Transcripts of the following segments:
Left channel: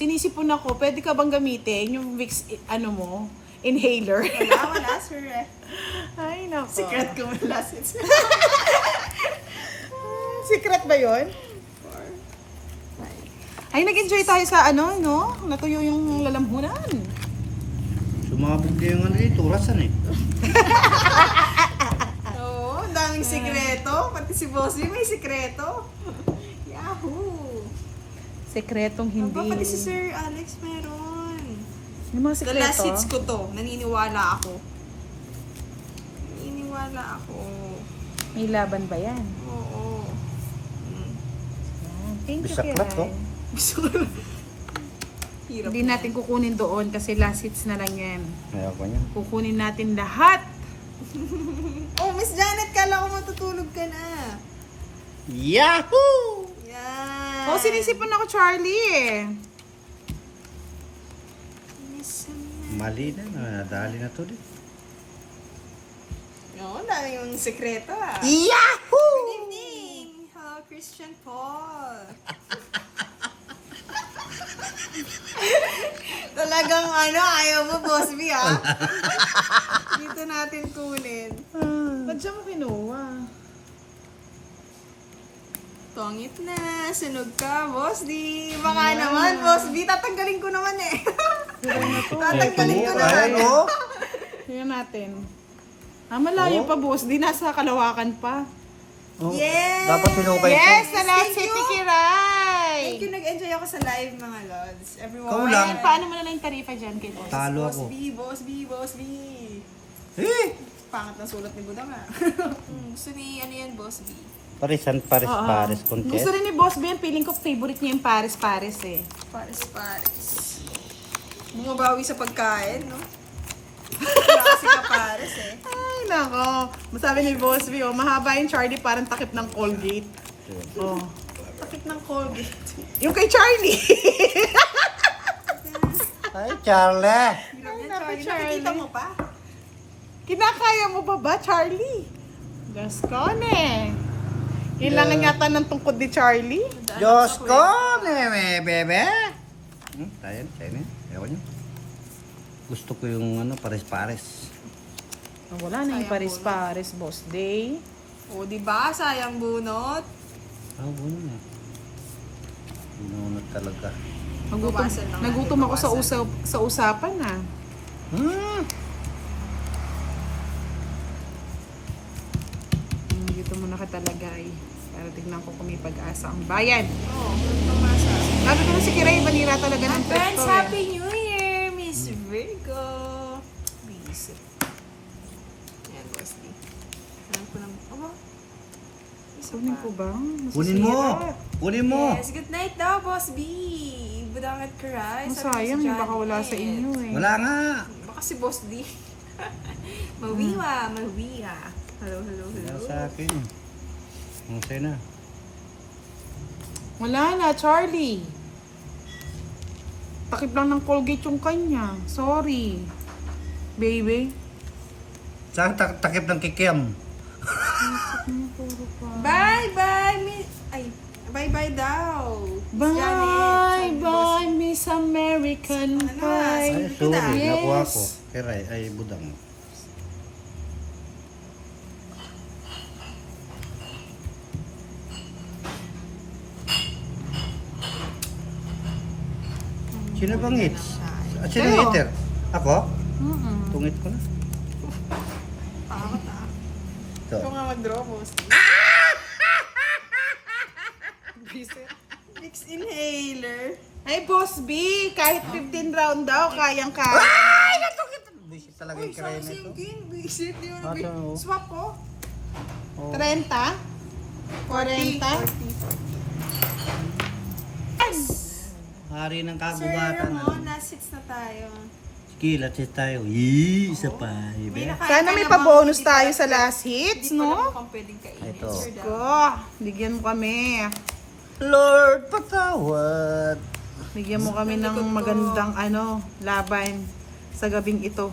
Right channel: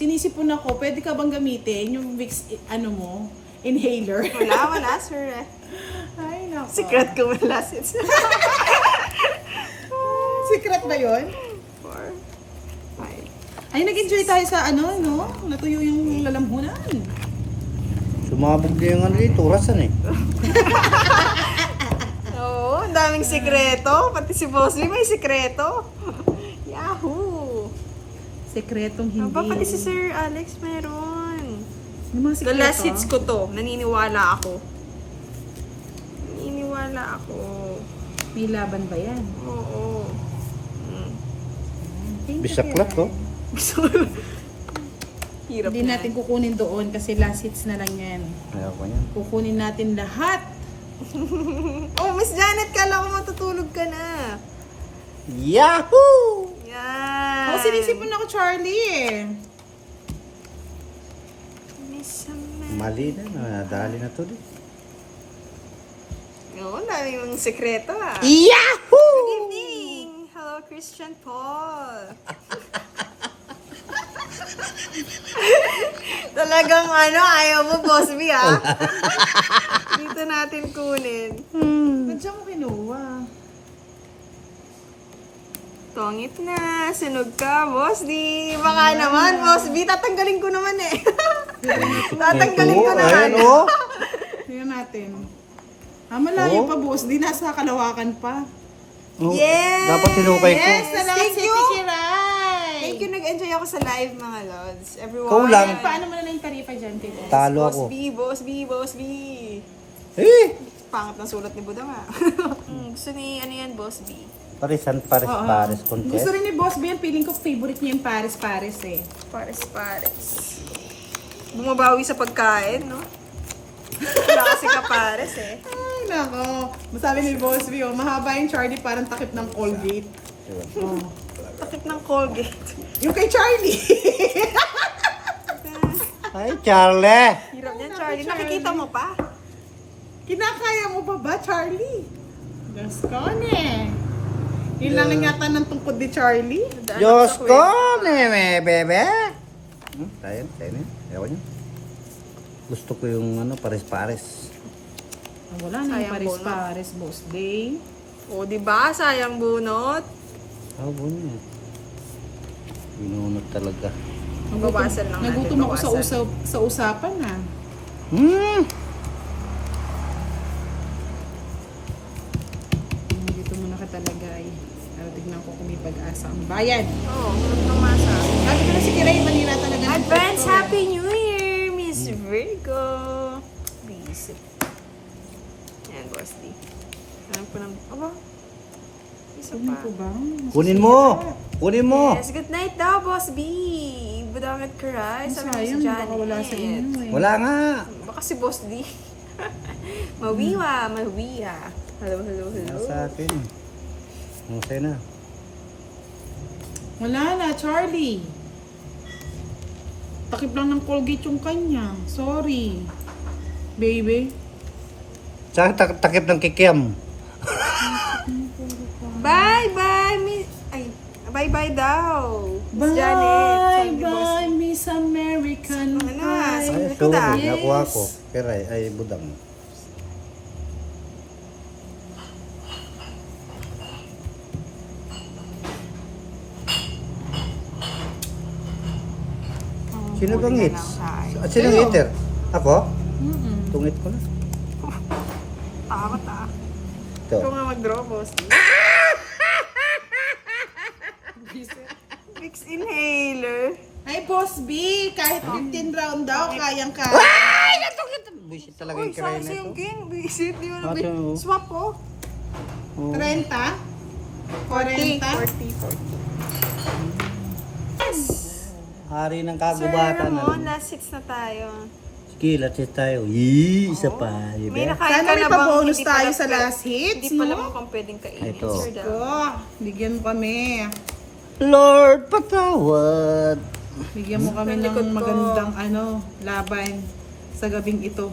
Sinisipon ako, pwede ka bang gamitin yung Vicks, inhaler? Wala, sir. Ay, nako. Secret ko wala, sis. Secret ba yun? 4, 5. Ay, nag-enjoy tayo sa no? Natuyo yung lalamhunan. Sumabog na yung dito, rasan eh. Oo, ang daming sikreto. Pati si Bossy may sikreto. Yahoo! Sekretong hindi. Pati si Sir Alex meron. Yung mga The sekreto. last hits ko to. Naniniwala ako. May laban ba yan? Oo. Thank you, Bisaklat Kiray. Oh. Hirap Hindi natin kukunin doon kasi last hits na lang yan. Ayaw ko yan. Kukunin natin lahat. Oh, Miss Janet, kala ko matutulog ka na. Yahoo! Yan. Oh, sinisipon ako, Charlie eh. Miss Mali na, nadali na to din. Oo, dami yung sekreto ah. Yahoo! Good evening! Hello, Christian Paul. Talagang ayaw mo, Boss B ah. Dito natin kunin. Ba't siya mo kinuha? Tongit na, sunog ka, Boss D. Baka naman, Boss B, tatanggalin ko naman eh. Tatanggalin ko naman. oh. Tingnan natin. Malayo pa, boss. Di nasa Kalawakan pa. Yes! Dapat sinukay ko. Yes, sa last Thank hit you. ni Kiray. Thank you, nag-enjoy ako sa live, mga lods. Everyone. Ikaw lang. Paano mo na lang yung tarifa dyan kay boss? Talo Boss ako. B, Boss B, Boss B. Eh! Pangat ng sulat ni Budang ah. Gusto ni, yan, Boss B? Pares Oo. contest. Gusto rin ni Boss B yan. Feeling ko favorite niya yung Paris eh. Pares. Bumabawi sa pagkain, no? Wala kasi ka Pares eh. Ay, nako. Masabi ni Boss B, mahaba yung Charlie parang takip ng Colgate. Oh. Takip ng Colgate. Yung kay Charlie. Ay, Charlie! Hirap yan, Naku, Charlie. Charlie. Nakikita mo pa? Kinakaya mo pa ba, Charlie? Gascone. Kailangan yata ng tungkod ni Charlie. Diyos ko, bebe! Tayo na. Ayaw niyo. Gusto ko yung pares-pares. Wala na yung Sayang Paris-Paris, Boss Day. O, diba? Sayang bunot. Buno na. Binunod talaga. Bawasan lang natin, Nagutom ako bawasan. sa usapan na. Dito muna ka talaga ay. Pero tignan ko kung may pag-asa ang bayan. Oo, tumasa. Sabi ko na si Kiray, manira talaga ng Advance Presto, eh. Happy New Year, Miss Virgo. Busy. Yan, Boss D. Alam ko ng... Aba. Isa Kunin pa. ko ba? Kunin mo! Kunin mo! Yes, good night daw, Boss B. Budang at Karay. Ang sayang, baka wala sa inyo eh. Wala nga! Baka si Boss D. Mawiwa. Hello. Wala sa akin. Masaya na. Wala na, Charlie. Takip lang ng Colgate yung kanya. Sorry. Baby. Saan takip ng kikiam? Bye-bye, Miss... Ay, bye-bye daw. Miss Janet. Bye, Sabi ni Boss bye, Miss American Ano na, Pie. Ay, Ay, sorry. yes. Nakuha ko. Kiray, ay budang. Sino bang hits? Sino Kayo. hitter? Ako? Mm-mm. Tungit ko na. Takot ah. Ito. Ikaw nga mag-draw, Boss D. Vicks inhaler. Ay, Boss B, kahit 15 round daw, kayang-kaya. Buisit talaga Uy, yung kiray saan na yung ito. king? Visit, di mo na Bakit mo? swap ko. 30? 40? Hari ng Sir kagubatan. Ramon, last hits na tayo. Sige, let's hit tayo. Yee, isa pa. Ibe. Sana may pa-bonus tayo sa last hits, Hindi pala no? mukhang pwedeng kainin. Ito. Sir Dal. Ko, bigyan mo kami. Lord, patawad. Bigyan mo kami ng Likod ko. magandang laban sa gabing ito.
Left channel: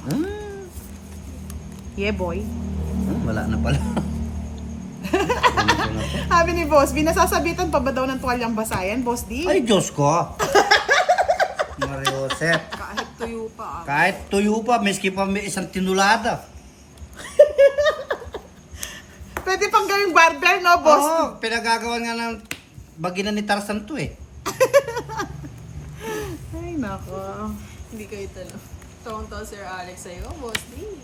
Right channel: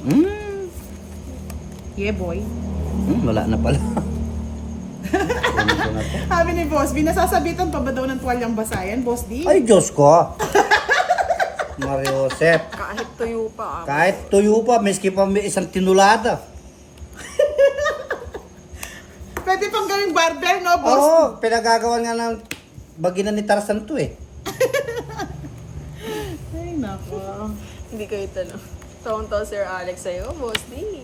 Yeah, boy. Wala na pala. Sabi ni Boss B, nasasabitan pa ba daw ng tuwalyang basayan, Boss D? Ay, Diyos ko. Mario Josep. Kahit tuyo pa. Kahit tuyo pa, miski pa may isang tinulada. Pwede pang gawing barber, no, boss? Oo, pinagagawa nga ng bagina ni Tarzan to eh. Ay, nako. Hindi kayo tanong. Tawang-tawa Sir Alex sa'yo, Boss D.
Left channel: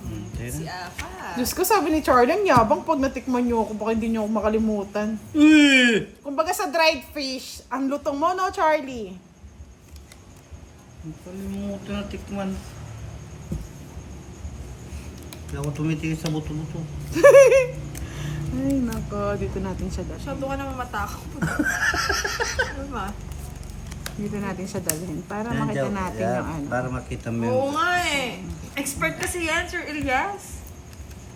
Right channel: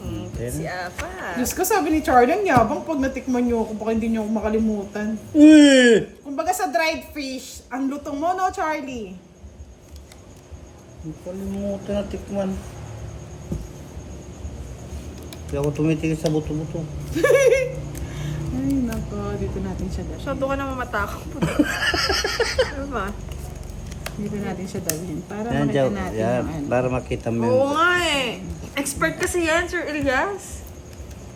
Okay Si na. Apa. Diyos ko, sabi ni Charlie, ang yabang pag natikman niyo ako, baka hindi niyo ako makalimutan. Kumbaga sa dried fish, ang lutong mo, no, Charlie? Ang kalimutan na tikman. Hindi ako tumitigil sa buto-buto. Ay, nako. Dito natin siya dalhin. Masyado ka naman matakot. Ano ba? Dito natin siya dalhin. Para Yan, makita Joe. natin Yan, yung ano. para makita mo Oo yung... nga eh. Expert kasi yan, Sir Elias.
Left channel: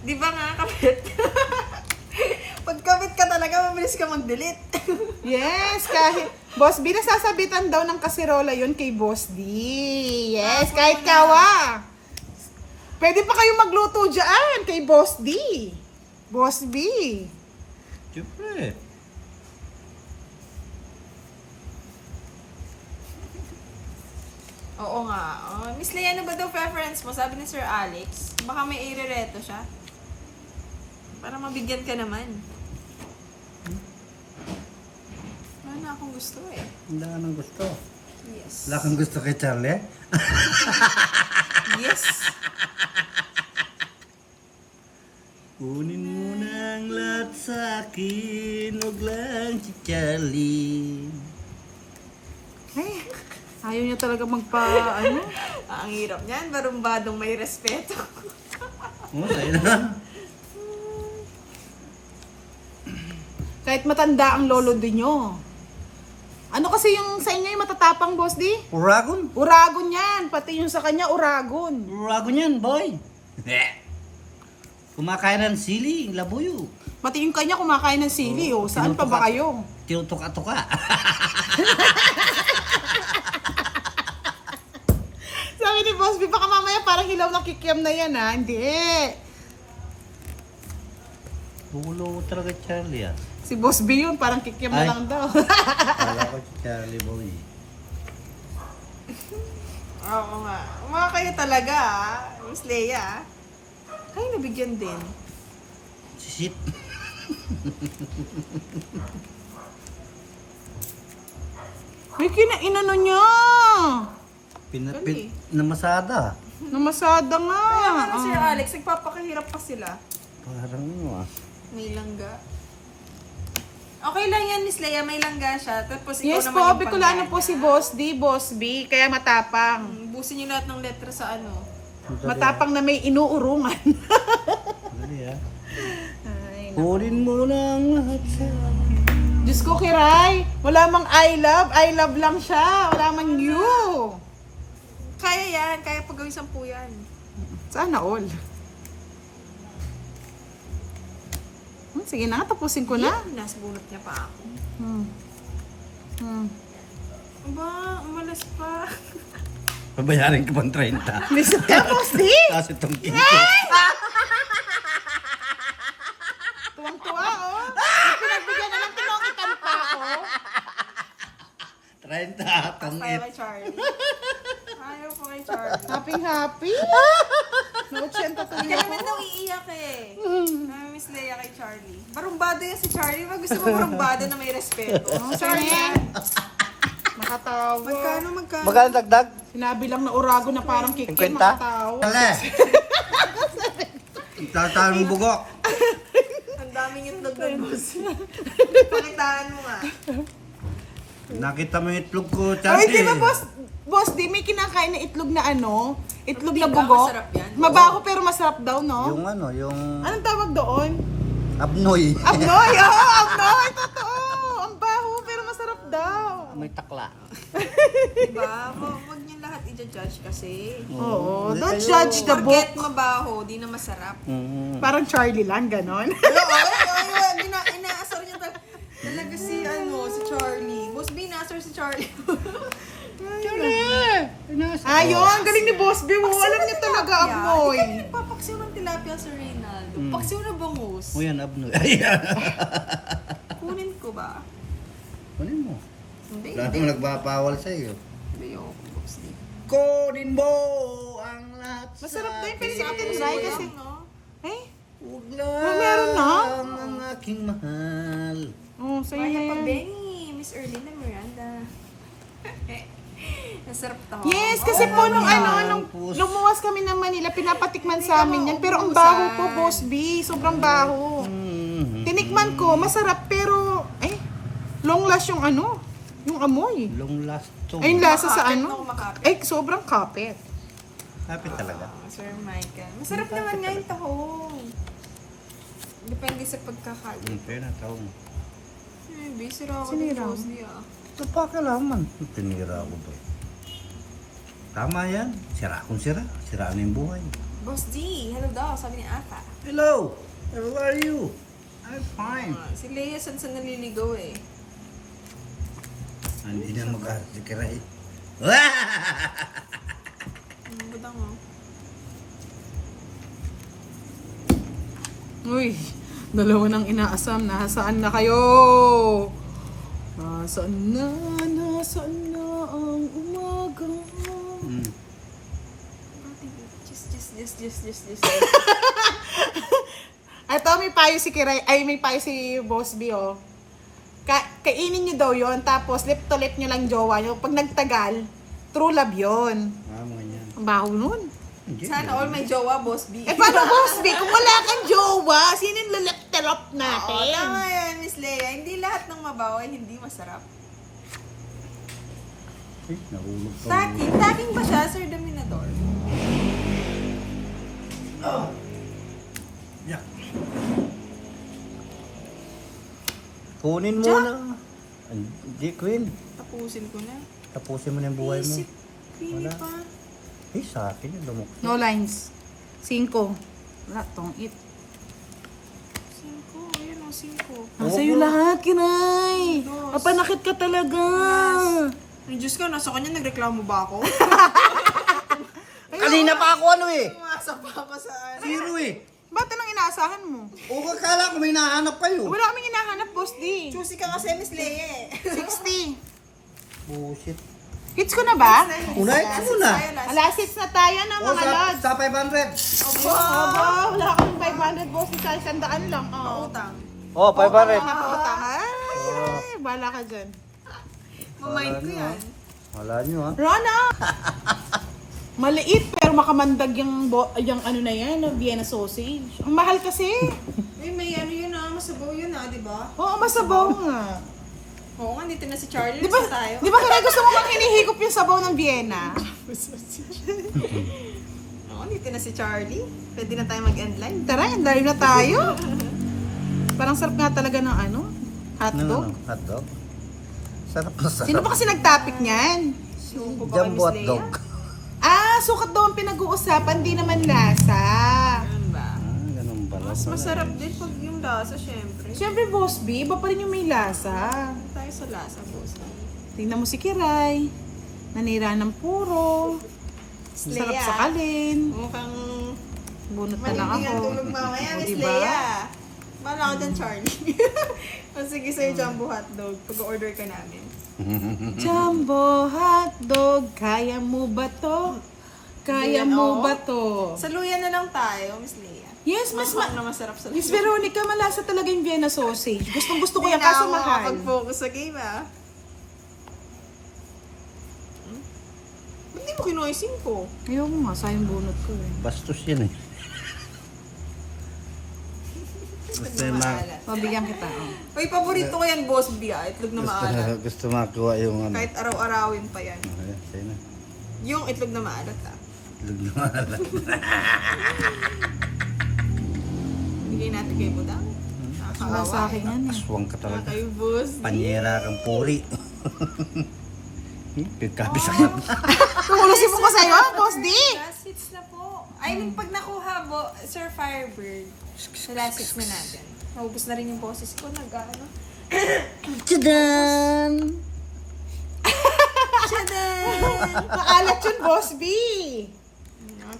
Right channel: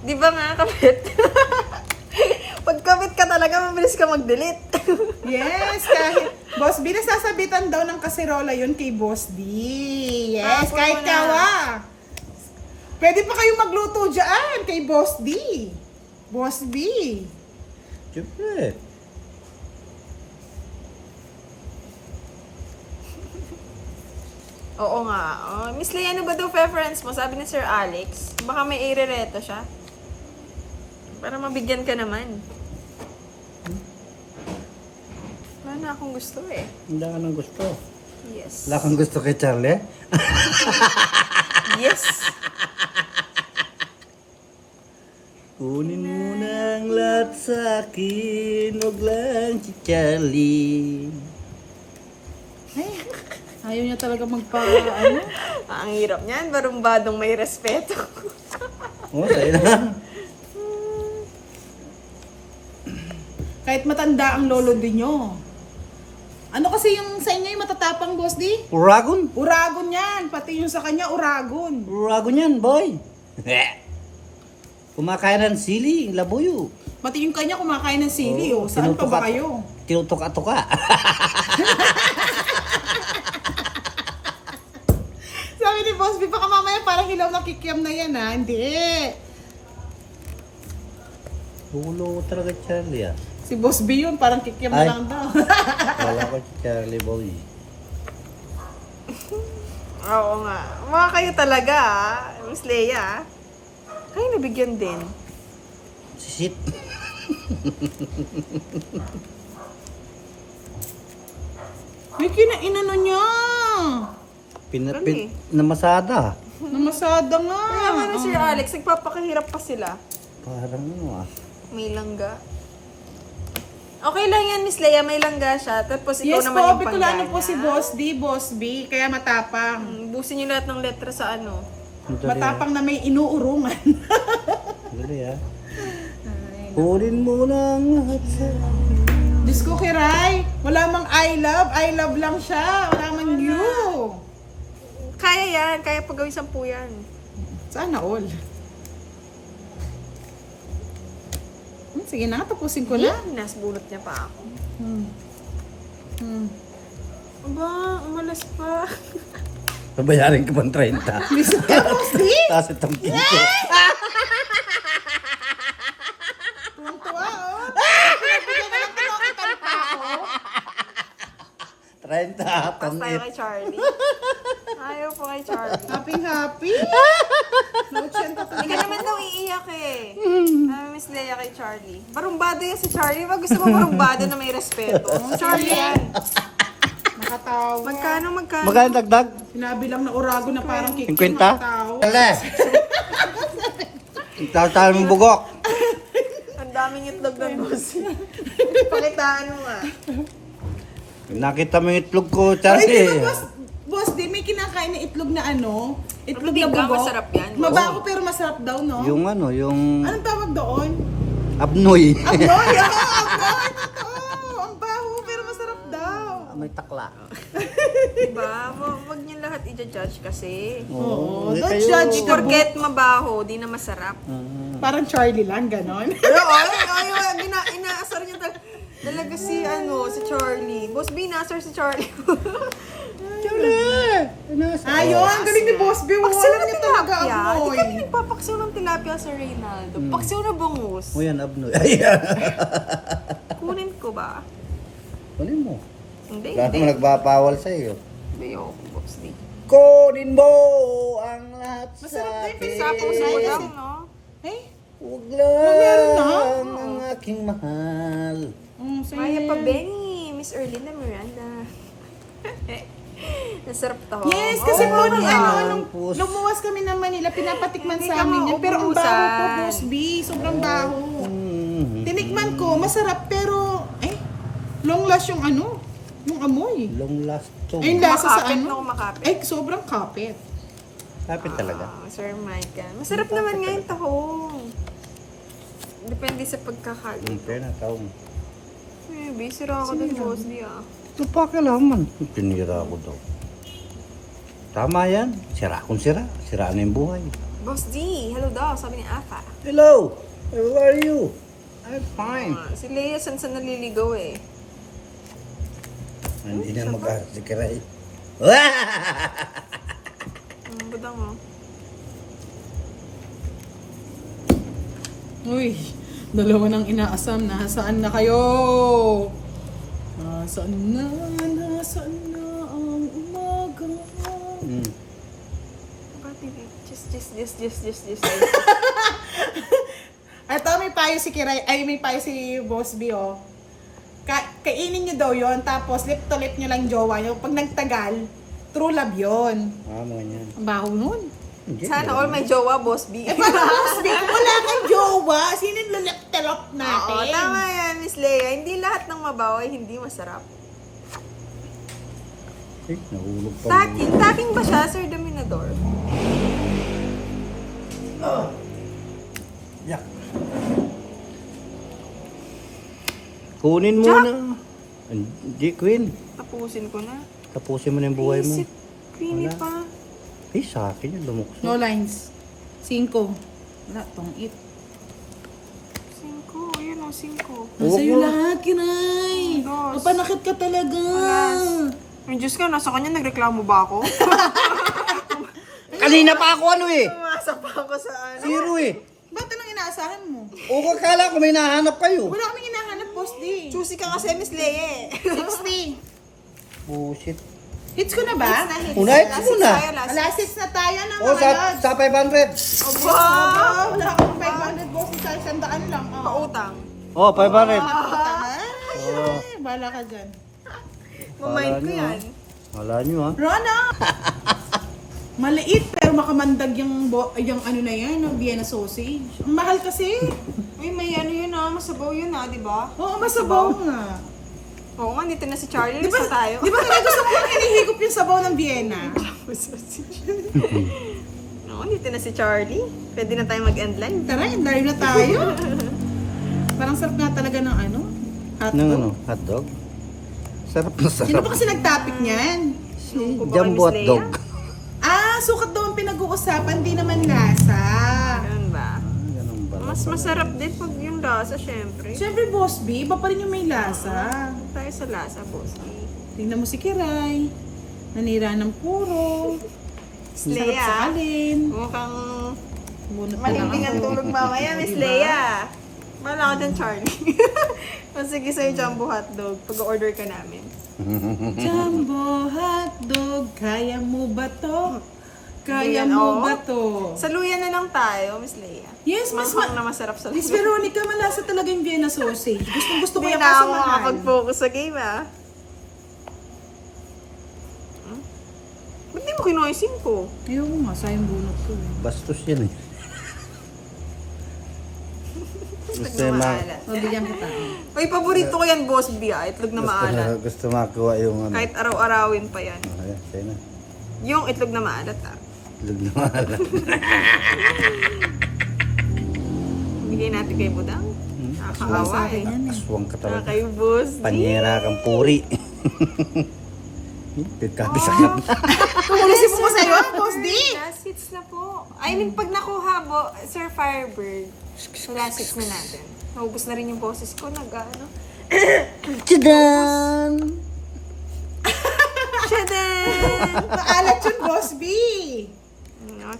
Di ba nga, kabit? Pag kabit ka talaga, mabilis ka mag-delete. Yes, kahit... Boss B, nasasabitan daw ng kaserola yun kay Boss D. Yes, Tapos kahit mo na. kawa. Pwede pa kayo magluto dyan kay Boss D. Boss B. Siyempre. Oo nga. Oh, Miss Leia, ano ba daw preference mo? Sabi ni Sir Alex. Baka may irereto siya. Para mabigyan ka naman. Wala na akong gusto eh. Wala ka nang gusto. Yes. Wala kang gusto kay Charlie? Yes. Kunin mo na ang lahat sa akin, huwag lang si Charlie. Ay, ayaw niya talaga ano? Ang hirap niyan. Barumbadong may respeto. Oh, sa'yo na. Kahit matanda ang lolo din nyo. Ano kasi yung sa inyo yung matatapang, Boss D? Uragon. Uragon yan. Pati yung sa kanya, uragon. Uragon yan, boy. Kumakain ng sili, labuyo. Pati yung kanya kumakain ng sili, oh. Saan pa ba kayo? Tinutok-atoka. Sabi ni Boss B, baka mamaya parang hilaw na kikiam na yan, ha? Hindi. Hulo talaga Charlie ah. Si Boss B yun, parang kikiam na Ay. lang daw. Wala ko si Charlie, boy. Oo nga. Mga kayo talaga ah. Miss Leia ah. Ay, nabigyan din. Sisit. May inano niya. Namasada. Namasada nga. Kaya nga Sir Alex, nagpapakahirap pa sila. Parang ano ah. May langga. Okay lang yan, Miss Leia. May langga siya. Tapos ikaw Yes naman po, yung Bicolano panggana. po si Boss D, Boss B, kaya matapang. Busin niyo lahat ng letra sa ano. Ang dali, Matapang na may inuurungan. ang dali ah. Kunin mo na ang lahat sa akin. Diyos ko, Kiray, wala mang I love lang siya. Wala mang you. Kaya yan. Kaya pagawin 10 yan. Sana all. Sige na, tapusin ko na. Nasa bunot niya pa ako. Hmm. Aba, umalas pa. Babayarin ka pang 30. Listen ka, Boss D. Tapos itong kinto. Tuwang-tuwa, oh. Pinagbigyan na lang kinukitan pa ako. 30 atong Tayo kay Charlie. Ayaw po kay Charlie. Happy. No, chenta to. Hindi ka naman daw iiyak eh. Miss Leia kay Charlie. Barumbado yan si Charlie. Wag gusto mo barumbado na may respeto. Charlie yan. Nakatawa. Magkano? Magkano dagdag? Sinabi lang na urago na parang kikin, 50? makatawa. Tala. Tawag mo bugok. Ang daming itlog ng boss. Pakitaan mo nga. Nakita mo yung itlog ko, Ay, Charlie. di ba, Boss D, may kinakain na itlog na ano? Itlog Hindi na ba? bugok. Masarap yan. Mabaho pero masarap daw, no? Yung ano, yung Anong tawag doon? abnoy. Abnoy! Oo, abnoy! Totoo! Ang baho pero masarap daw. May takla. Diba? Wag niyo lahat i-judge kasi. Oo, hindi don't kayo- judge the book. Forget mabaho, di na masarap. Parang Charlie lang, ganon. Pero inaasar niyo talaga si Charlie. Boss B, inaasar si Charlie. Charlie! Ayun, galing ni Boss B. Alam niya talaga, abnoy. Hindi ka nagpapaksiw ng tilapia sa Reynaldo. Paksiw na bangus. O yan, abnoy. Ayan. Kunin ko ba? Kunin mo. Hindi, Wala hindi. naman nagbabawal sa'yo. Hindi ako, Boss D. Kunin mo ang lahat sa Masarap na yung akin. pinag-usapan Sa Ay, lang, kasi- no? Eh? Huwag lang meron na? ang aking mahal. Oh, sa'yo Maya na pa, yan. Benny. Miss Erlina Miranda. Nasarap to. Yes, kasi po nung ang puso. lumuwas kami ng Manila, pinapatikman Hindi sa ka amin yan. Pero ang maubusan. baho po, Boss B. Sobrang baho. Tinikman ko, masarap pero, long last yung ano, yung amoy. Long last to. Ay, yung lasa sa Makapit ano. na kumakapit. Ay, sobrang kapit. Kapit talaga. Sir Michael. Masarap naman nga yung tahong. Depende sa pagkakalit. Kaya na tao mo. Eh, busy raw ako ng Sinira Boss mo? D ah. Ito pa kailangan. Pinira ko daw. Tama yan. Sira kung sira. Sira na yung buhay. Boss D, hello daw, sabi ni Aka. Hello! How are you? I'm fine. Si Leia, saan naliligaw eh. Hindi na mag-asikiray. Budang mo. Uy, dalawa nang inaasam. Nasaan na kayo? Nasaan na ang umaga? Just. Ito, may payo si Kiray, may payo si Boss B, oh. Kainin nyo daw yon, tapos lip to lip nyo lang jowa nyo. Pag nagtagal, true love yon. Mga yan. Ang baho nun. Hindi, Sana all may jowa, Boss B. Paano Boss B? Kung wala kang jowa, sino yung lulap-talop Oo, natin? tama yan, Miss Leia. Hindi lahat ng mabaw ay hindi masarap. Nahulog pa. Taking ba siya, Sir Dominador? Yak. Kunin mo Jack! na. Hindi, Queen. Tapusin ko na. Tapusin mo na yung buhay mo. Isip, creamy pa. Sa akin yung lumok. No lines. 5. Wala, tong it. 5, ayan o, 5. Nasa iyo lahat, Kiray. Dos. Mapanakit ka talaga. Ay, Diyos ka, nasa kanya nagreklamo ba ako? Kanina pa ako ano eh. Umasa pa ako sa ano. Zero eh. Ba't anong inaasahan mo? O kakala ko may nahanap kayo. Wala kaming hinahanap, Boss D. Choosy ka kasi, Miss Leia. 60. Bullshit. Hits ko na ba? Unay ka muna. Alas 6 na tayo na O mga lods. sa 500. Wow! Wala akong 500, Boss. Isang sandaan lang. Oo. Pautang. O, 500. Ay, bahala ka dyan. Mamind ko yan. Wala nyo ha. Rona! Maliit pero makamandag yung ano na yan, no? Vienna sausage. Ang mahal kasi. Ay, may ano yun ah, masabaw yun ah, di ba? Oo, masabaw nga. Oo nga, dito na si Charlie. Di ba, Basta tayo. di ba kaya gusto mo kang hinihigop yung sabaw ng Vienna? Oo, dito na si Charlie. Pwede na tayo mag-end line. Tara, live na tayo. Parang sarap nga talaga ng ano, Nang hotdog. ano? Hotdog? Sarap na sarap. Sino ba kasi nag-topic niyan? Si Ano ba kay Jumbo Miss hotdog. Leia? Sukat daw ang pinag-uusapan, di naman lasa. Ganun ba? Ganun ba? Mas masarap din pag yung lasa, syempre. Siyempre, Boss B, iba pa rin yung may lasa. Tayo sa lasa, Boss. Tingnan mo si Kiray. Nanira ng puro. Sarap Leia. sa kalin. Mukhang Bunot na lang malinding ang ako. tulog mamaya, Miss Diba? Leia. Bala ka dyan, Charlie. O sige sa'yo, jumbo hotdog. Pag-order ka namin. Jumbo hotdog, kaya mo ba to? Kaya Ayan, mo oo. ba to? Saluyan na lang tayo, Miss Leia. Yes, Miss Manghang na masarap sa Miss Veronica, malasa talaga yung Vienna sausage. Gustong gusto ko Hindi yung na kaso ako mahal. makapag-focus sa game, ah. Ba't di mo kinuha yung 5? Ayaw ko nga, sayang bunot ko eh. Bastos yan eh. Gusto ma... Mabigyan kita. Oh. Uy, paborito ko yan, Boss B, ah. Itlog na maalat. Gusto makuha yung ano. Kahit araw-arawin pa yan. Ayan, sa'yo na. Yung itlog na maalat, ah. Tulog na mahala. Bigay natin kay Budang. Wala Nakakaawa, sa akin eh. yan eh. Aswang ka talaga. Kay Boss D. Panyera kang puri. Pagkabisak na. Tumulusin mo ko sa'yo, Boss D! Last hits na po. I mean, pag nakuha mo, Sir Firebird, sa last hits na natin. Naubos na rin yung boses ko, nag-ano. Tadaan! Tchadan! Maalat yun, Boss B!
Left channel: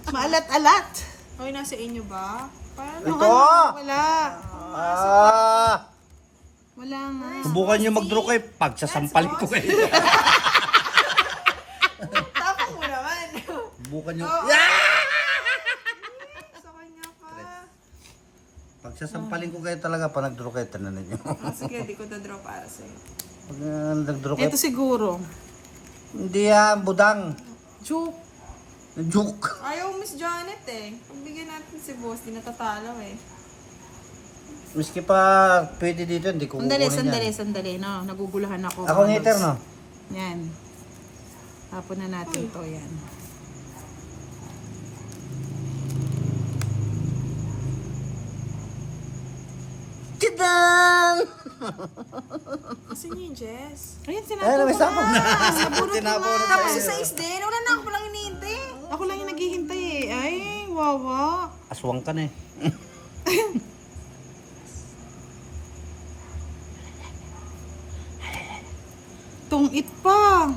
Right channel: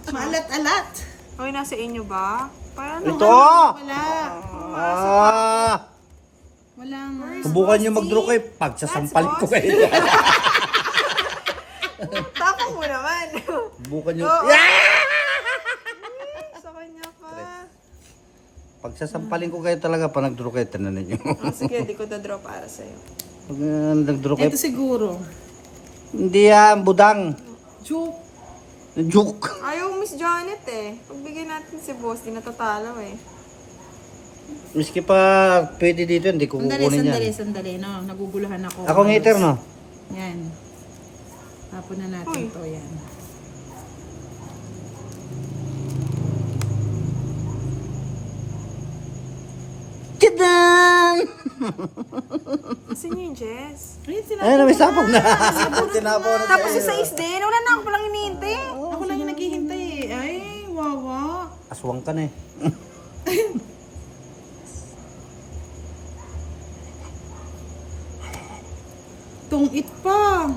Maalat-alat. Uy, nasa inyo ba? Paano? Ito! Wala. Ah! Wala nga. Subukan nyo mag-draw kayo. Pagsasampalin ko kayo. Tako mo naman. Subukan nyo. Oo. Yeah! Sa kanya pa. Pagsasampalin ko kayo talaga pa nag-draw kayo. Tananan nyo. Sige, di ko draw para sa'yo. Pag nag-draw kayo. Ito siguro. Hindi yan, budang. Joke. Joke. Ayaw Miss Janet eh. Pagbigyan natin si boss, di natatalo eh. Miski pa pwede dito, hindi ko kukunin yan. Sandali. No, naguguluhan ako. Ako ang hater, no? Yan. Tapon na natin to yan. Kidan! Kasi niya yung Jess. Ayun, Ayun, sinabi may ko sapog na. na. Tinapaw na Tapos tayo. sa 6 din, wala na ako palang hinihintay. Ako lang yung naghihintay eh. Ay, wawa. Aswang ka na eh. Tungit pa.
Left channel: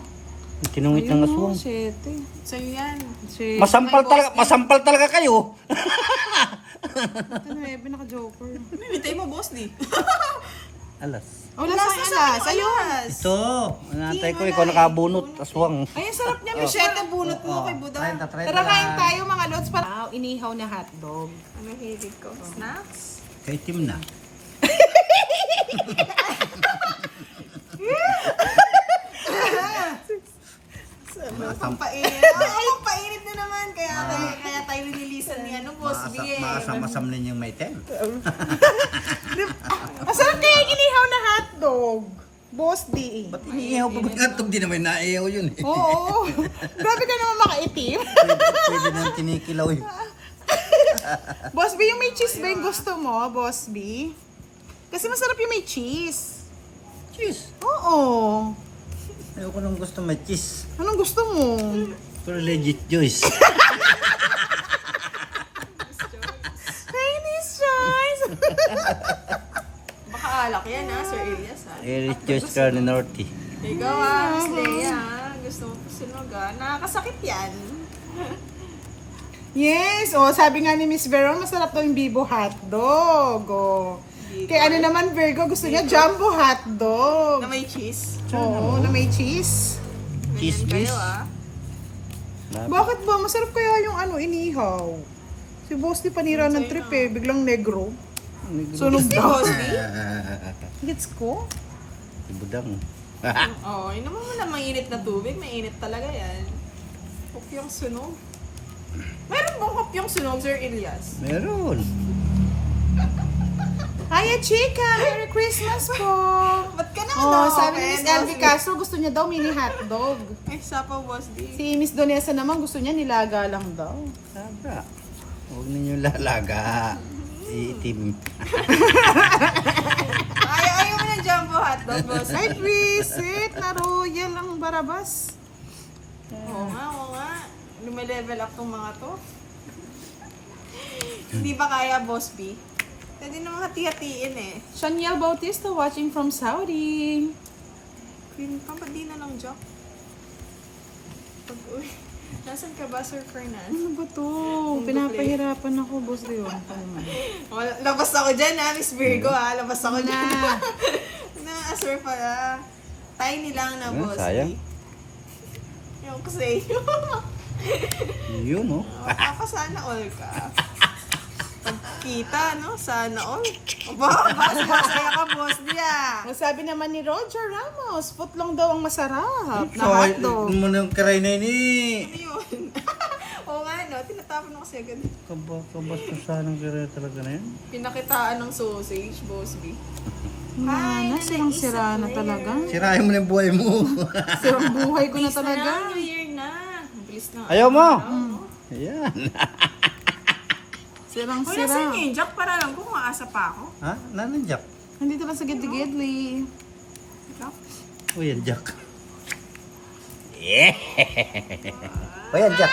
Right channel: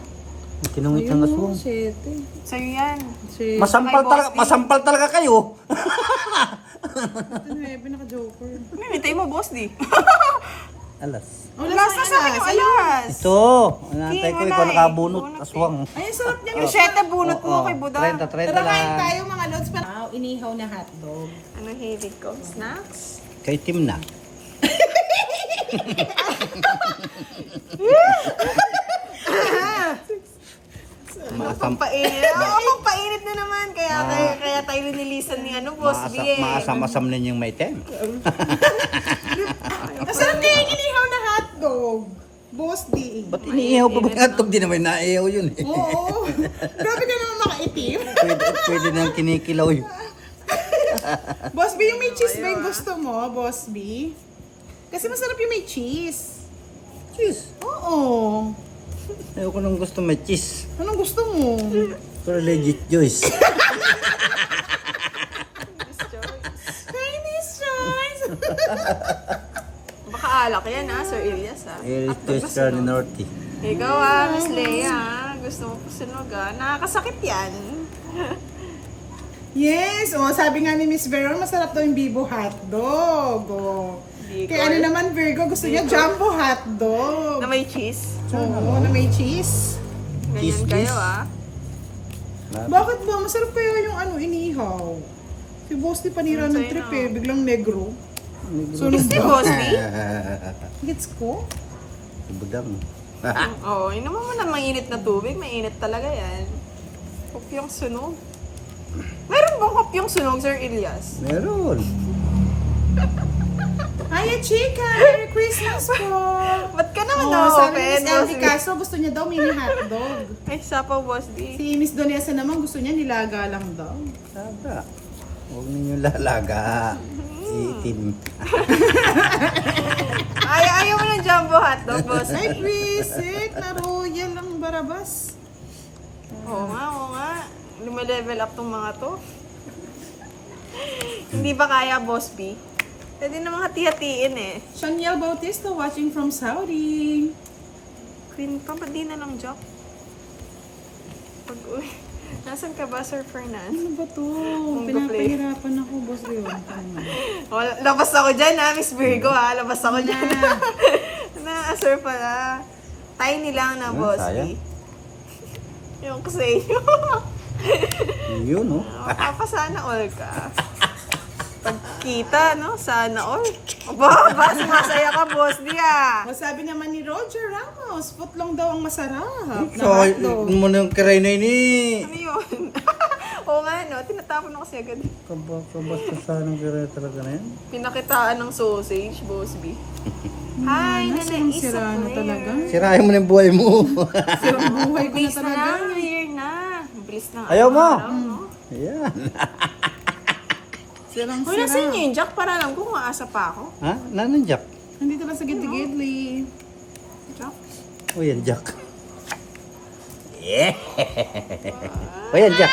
Tinungit ng aswang. Sete. Sa'yo yan. Sete. Masampal talaga kayo. Ito na, naka-joker. Minitay mo boss di. Alas. Wala sa alas. Ayun. Ito, anantay ko, ikaw nakabunot, aswang. Ayun, sarap niya. Yung 7 bunot mo kay Buda. 30 Tara, kain lang. tayo mga lods. Inihaw na hotdog. Ano hilig ko? Snacks? Kay Tim na. Pampainit. Oo, pampainit na naman. Kaya tayo nililisan ni boss B eh. Maasam-asam na yung may tem. Masarap kaya yung inihaw na hotdog. Boss D. Ba't iniihaw pa ba yung hotdog? Di naman naiihaw yun eh. Oo. Grabe ka naman makaitim. Pwede nang kinikilaw yun. Boss B, yung may cheese ba yung gusto mo, Boss B? Kasi masarap yung may cheese. Cheese. Oo. Ayaw ko nang gusto may cheese. Anong gusto mo? Pero legit Joyce. Chinese choice! Baka alak yan ha, Sir Elias ha. Legit Joyce Carne Norte. Ikaw Miss Leia ha. Gusto mo pa sunog ha. Nakakasakit yan. Yes! O, sabi nga ni Miss Veron, masarap daw yung Bibo hotdog. O. Kaya ano naman, Virgo, gusto niya jumbo hotdog. Na may cheese. Oo, na may cheese. Cheese, Ganyan kayo cheese. ha. Bakit ba? Masarap kaya yung inihaw. Si Boss di panira ng trip eh, biglang negro. Sunog Si ba? boss B? Gets ko? Budang. Oo, yun naman mo na mainit na tubig. Mainit talaga yan. Kopyong sunog. Meron bang kopyong sunog, Sir Elias? Meron. Hiya, Chica! Merry Christmas po! Ba't ka naman Oh, sabi ni open, Miss boss LV B? Castro, gusto niya daw mini hotdog. Ay, sapa boss D. Si Miss Donesa naman, gusto niya nilaga lang daw. Sabra. Huwag ninyo lalaga. Itim. Ayaw mo ng jumbo hotdog, boss. Ay, visit na royal ang barabas. Oo nga. Lumelevel up tong mga to. Hindi ba kaya, boss B? Pwede namang hati-hatiin eh. Shaniel Bautista watching from Saudi. Queen pa, ba't di na lang joke? Pag-uwi. Nasaan ka ba, Sir Fernan? Ano ba to? Pinapahirapan ako, boss yun. Oh, labas ako dyan ha, Miss Virgo ha. Labas ako dyan. Na. Na-assure pala. Tiny lang na, Ah, boss. sayang. Yung ko sa iyo. Yun, oh. Sana all ka. Pagkita, no? Sana all. Aba, masaya ka, boss diya. Sabi naman ni Roger Ramos, footlong daw ang masarap na So, hotdog. mo nang karay na ini. Ano yun? Oo nga, no? Tinatapon ako kasi agad. Kabasta sana ng karay talaga na yan. Pinakitaan ng sausage, boss B. Hi, Nasirang sira na talaga. Sirahin mo na yung buhay mo. Sirang buhay ko na talaga. New Year na. Bilis na. Ayaw mo? No? Ayan. Sirang Uy, nasan sira. yun, Jack? Para lang kung maasa pa ako. Ha? Nanan Jack? Nandito lang sa gidli-gidli. Jack? O yan, Jack. Yeah. O yan, Jack.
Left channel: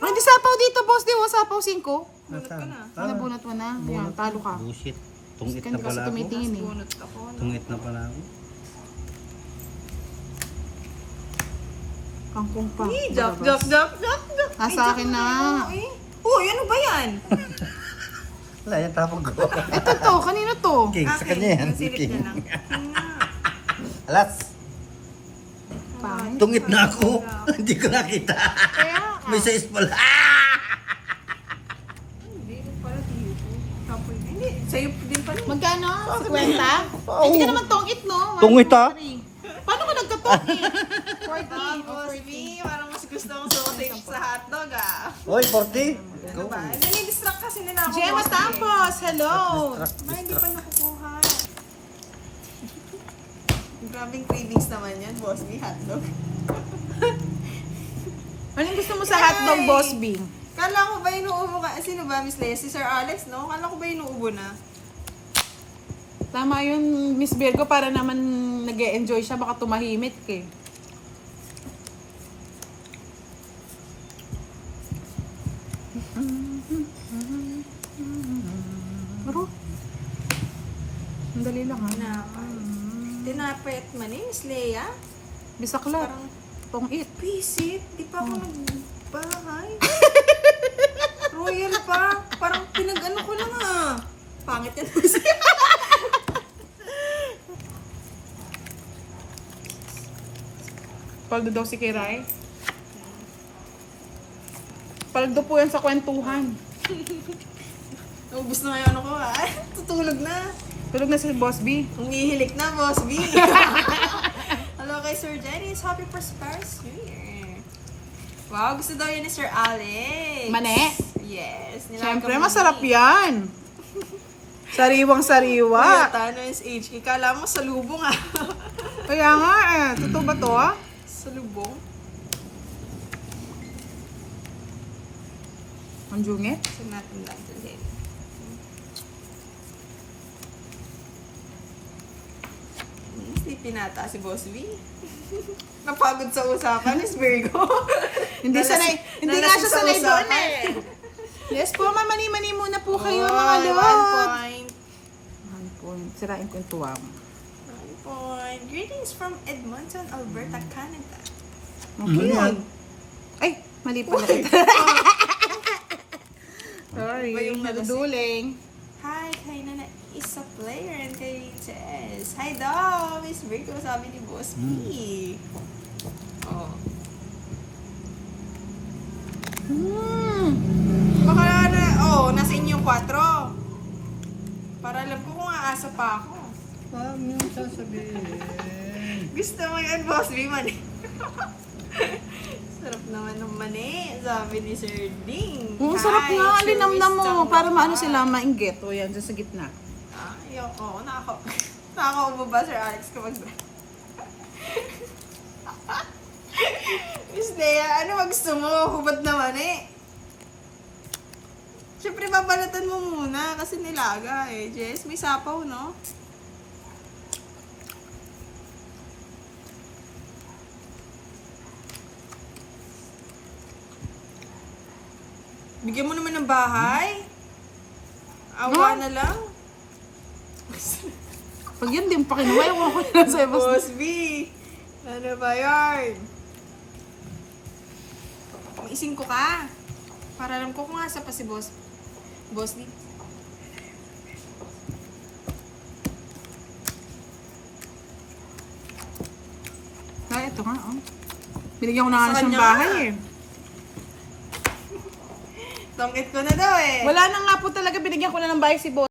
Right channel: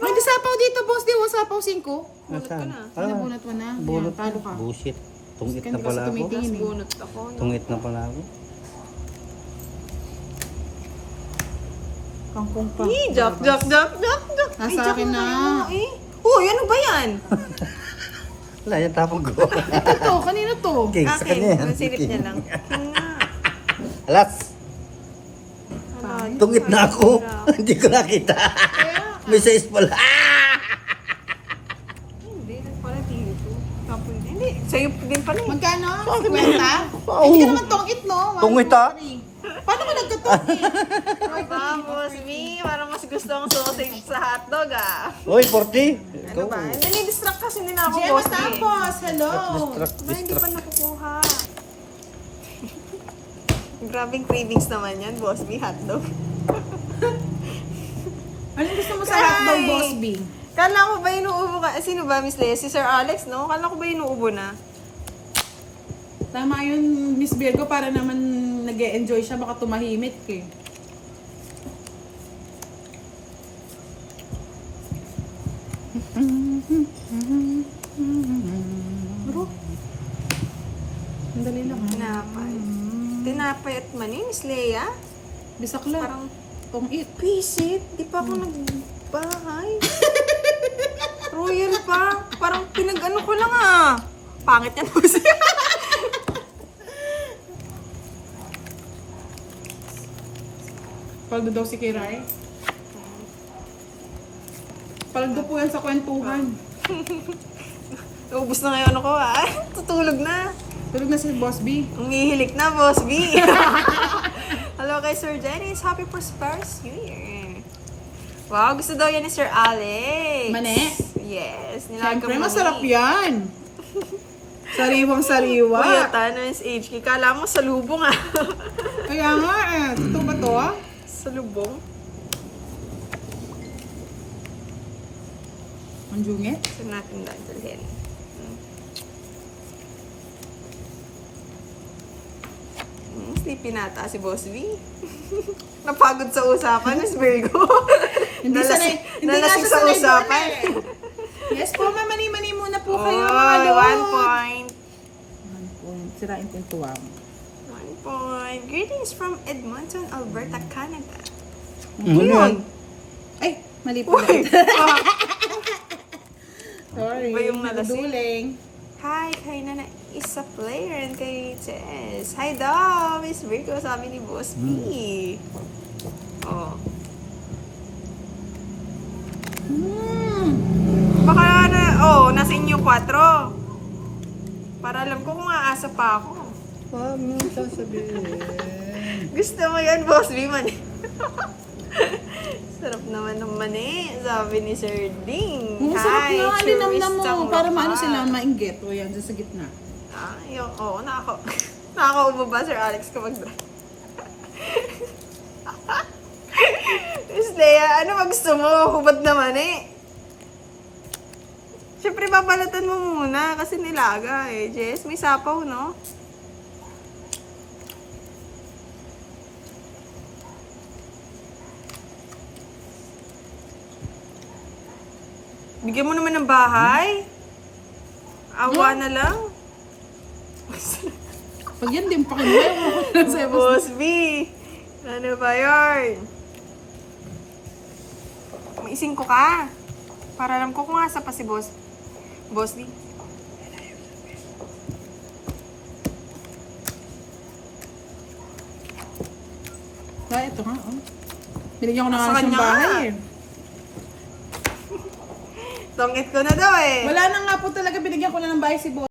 Oh, hindi sapaw dito, boss. Di, sapaw 5. Bunot ka na. Ano, bunot mo na. Yan, talo ka. Bullshit. Tungit Kasi na pala ako. tumitingin eh. Bunot ako. No? Tungit na pala ako. Kangkong pa. Jack. Nasa akin na. Uy, ano ba yan? Wala yan, tapong ko. Ito to, kanino to? King, sa kanya yan. Yung silip niya lang. Alas, tungit na ako. Hindi ko nakita. Kaya May size pala. Hindi, pala dito. Kapoy na. Hindi, sa'yo din pala. Magkano? 50? Hindi ka naman tongit, no? One, Tungit, two, ah. three. Paano ka nagkatongit? Tapos, me, parang mas gusto akong sausage sa hotdog, ah. Uy, 40. Ano ba? Nani-distract kasi nila ako, Gemma, boss. eh. tapos, hello. Ba, hindi pa nakukuha. Grabing cravings naman yan, boss. Di hotdog. Anong gusto mo sa Ay! hotdog, Boss B? Kala ko ba inuubo ka? Sino ba, Miss Leia? Si Sir Alex, no? Kala ko ba inuubo na? Tama yun, Miss Virgo, para naman nag-e-enjoy siya, baka tumahimik eh. Aro. Ang dali lang ha. Tinapay. Tinapay at mani, Miss Leia? Bisakla. Parang, Tong-it. visit? Di pa ako nagbahay. Royal pa. Parang pinag-ano ko lang, ah. Pangit yan, boss. Paldo daw si Kiray. Paldo po yan sa kwentuhan. Ubus na ngayon ako, ah. Tutulog na. Tulog na si Boss B. Umihilik na, Boss B. Hello kay Sir Dennis. Happy prosperous New Year. Wow, gusto daw yan ni Sir Alex. Mane? Yes. Siyempre, masarap yan. Sariwang sariwa. Puyata na yung HK. Kala mo sa lubong, ah. Kaya nga eh. Totoo ba to ah? Sa lubong? Ang jungit. Saan natin dadalhin? Sleepy nata si Boss B. Napagod sa usapan, Miss Virgo. Hindi sanay. Hindi nga siya sanay doon eh. Yes po, mamani-mani muna po kayo mga Oh, lord. 1 point. 1 point. Sirain ko yung tuwa mo. 1 point. Greetings from Edmonton, Alberta, Canada. Ano yan? Ay, mali po. Uy! Sorry. Iba yung nalasing. Naduduling. Hi, kay Nana Isa Player and kay Jess. Hi daw, Miss Virgo, sabi ni Boss B. Oh. Baka na, nasa inyo 4. Para alam ko kung aasa pa ako. Huwag mo sasabihin. Gusto mo yan, Boss B, man. Sarap naman ng mani, sabi ni Sir Ding. Sarap nga. Hi, Alinam mo. Churistang Para maano Waka. sila mainggit. O yan, dyan sa gitna. Ay, oo, nakakaubo ba, Sir Alex, kapag Miss Leia, ano ba gusto mo? Hubad naman eh. Siyempre, babalatan mo muna kasi nilaga eh. Jess, may sapaw, no? Bigyan mo naman ng bahay. Awa na lang. Pag yan, di mo pa kinuha. Ewan ko na sa'yo. Boss B! Ano ba yun? Maising ko ka. Para alam ko kung asa pa si Boss. Boss D. Ay, ito nga. Oh. Binigyan ko na nga Sa siyang kanya bahay nga. eh. Tongit ko na daw eh. Wala na nga po talaga. Binigyan ko na ng bahay si Boss.